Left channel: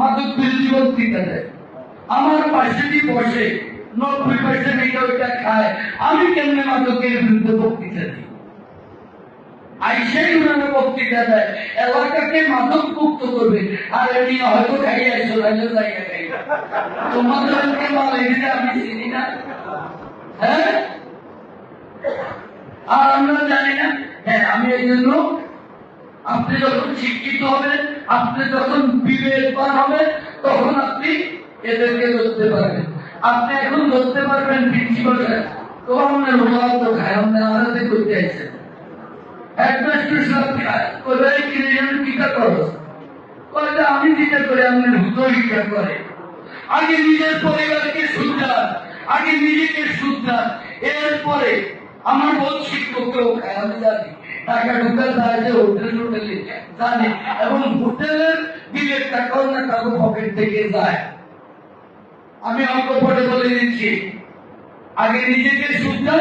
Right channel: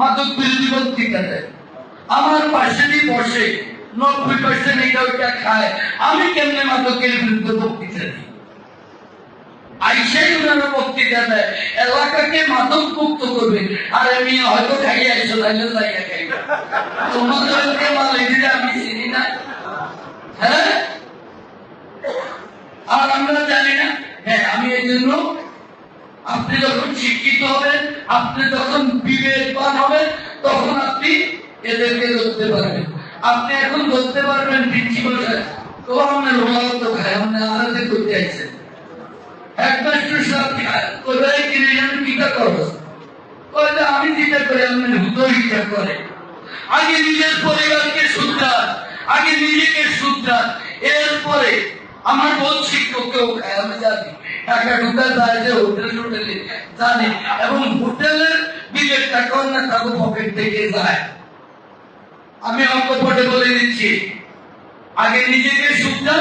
মাদক বিরোধী বক্তৃতা দেয়, আমার পাশে দিয়ে বসে 90% এটা ওইটা খায়, আমি কেমনে মাদকের বিরুদ্ধে বক্তৃতা দিই? আইসাই উনারা বক্তৃতা দেয় এলাকাকে মাদক মুক্ত করবে, আর এমনি হয়তো খাইয়ে আইসো লাইয়া খাইবে, তোমাদেরকে মালাই দিলে আমি চিনি না। হ্যাঁ, আর আমরা জানি না। হ্যাঁ, আমি এই জন্য আপনি যখন শিক্ষিত হবেন, আপনি যখন বিবেকবান হবেন, তখন আপনি এদেরকে ধরতে পারবেন। আপনি এখন ধরতে পারবেন প্রিন্সিপাল সাহেব তো আপনার ওলাও তো খায়, আপনি আলাদা করতে আইছেন, হেডমাস্টার সাহেব খায়, কোথায় কিনে কিটা করো, আমি যেটা করে আপনার হুদয়িটা করে। আগে নিজের পরিবারকে শুধরান, আগে নিজেকে শুধরান, এরপরে আমার বোন শিক্ষককেও খায়। আমি জানি টাকা ঢুকার বাইরে হোটেলে জানে, এবং হোটেলের বিলের টাকাও না তাদের পকেট থেকে যায়। আমি অঙ্ক পটে বলে দিচ্ছি, আগে নিজেকে শুধরান।